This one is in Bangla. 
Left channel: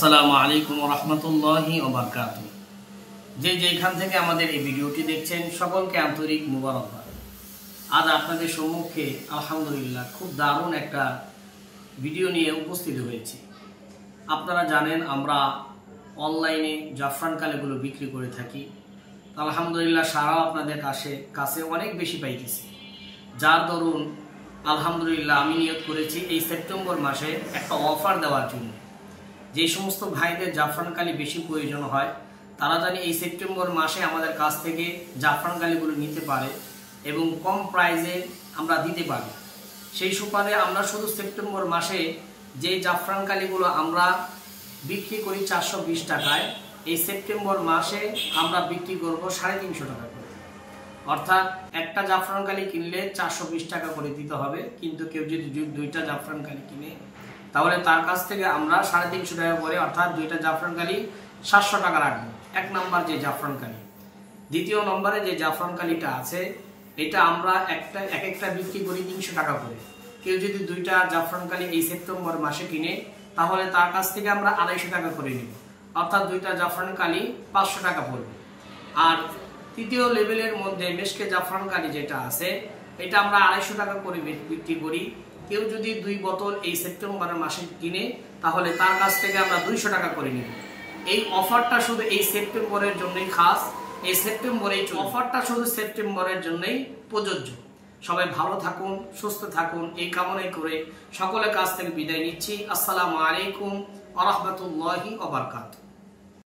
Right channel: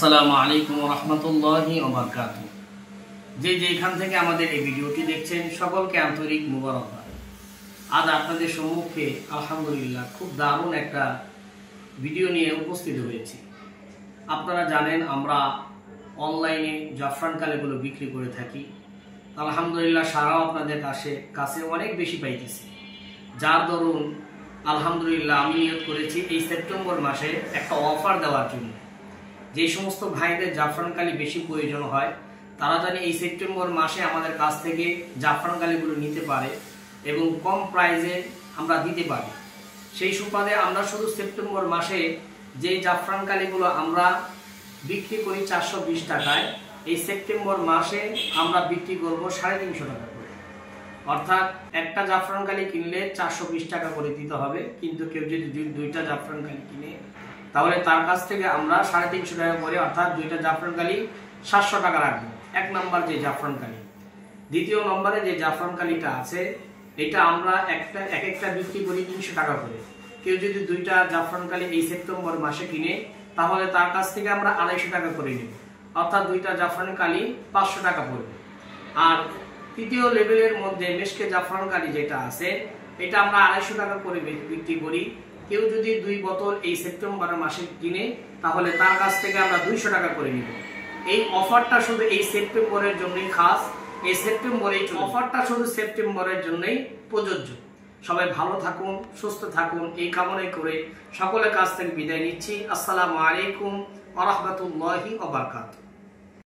আসসালামু আলাইকুম ওয়া রাহমাতুল্লাহি ওয়া বারাকাতুহু। যেখান থেকে আমাদের এই ভিডিওটি দেখছেন সকলকে আন্তরিক মুবারকবাদ। আজ আপনাদের সম্মুখে আলহামদুলিল্লাহ খুব দারুণ একটা ভিডিও নিয়ে উপস্থিত হয়েছি। আপনারা জানেন আমরা অনলাইনে জাফরান কালিগুলো বিক্রি করে থাকি। আলহামদুলিল্লাহ সারাও আপনাদের কাছে অনেক বেশি পাইতেছি, যার দরুন আলহামদুলিল্লাহ আমি নিয়ত করেছি এই সেপ্টেম্বর মাসে একটা অফার দেওয়ার জন্য। যে সমস্ত ভাইদের জাফরান কালি বেশি প্রয়োজন হয় তারা জানি এই সেপ্টেম্বর মাসে আমাদের কাছ থেকে জাফরান কালিগুলো নিতে পারে এবং কম প্রাইসে আমরা দিতে পারি। সেই সুবাদে আমরা শুধু সেপ্টেম্বর মাসে যে জাফরান কালিগুলো আমরা বিক্রি করি 420 টাকায়, এই সেপ্টেম্বর মাসে আমরা বিক্রি করব 350 টাকা করে। অর্থাৎ একটা জাফরান কালি কিনলে 420 টাকা করে দিতে হবে, কিন্তু কেউ যদি দুইটা জাফরান কালি কিনে তাহলে তার কাছ থেকে আমরা 350 টাকা করে, অর্থাৎ দুইটা জাফরান কালি 700 টাকা রাখবো। এক নম্বর যে জাফরান কালি। দ্বিতীয় নম্বরে যে জাফরান কালিটা আছে এটা আমরা এক একটা বিক্রি করি 300 টাকা করে। কেউ যদি দুইটা জাফরান কালি এই সেপ্টেম্বর মাসে কিনে তাহলে তার কাছ থেকে আমরা 250 টাকা করে নেব, অর্থাৎ দুইটা জাফরান কালি 500 টাকা পড়বে। আর তৃতীয় লেভেলের মধ্যে মেশকে জাফরান কালি যেটা আছে এটা আমরা 250 টাকা করে বিক্রি করি। কেউ যদি 2 বোতল এই সেপ্টেম্বর মাসে কিনে তাহলে তার কাছ থেকে আমরা 200 টাকা করে নিব। এই অফারটা শুধু এই সেপ্টেম্বরের জন্যই খাস, এই সেপ্টেম্বরেই অফারটা শুধু সেপ্টেম্বরের জন্যই প্রযোজ্য। সবাই ভালো থাকুন, সুস্থ থাকুন, এই কামনাই করে সকলের কাছ থেকে বিদায় নিচ্ছি। আসসালামু আলাইকুম ওয়া রাহমাতুল্লাহি ওয়া বারাকাতুহু।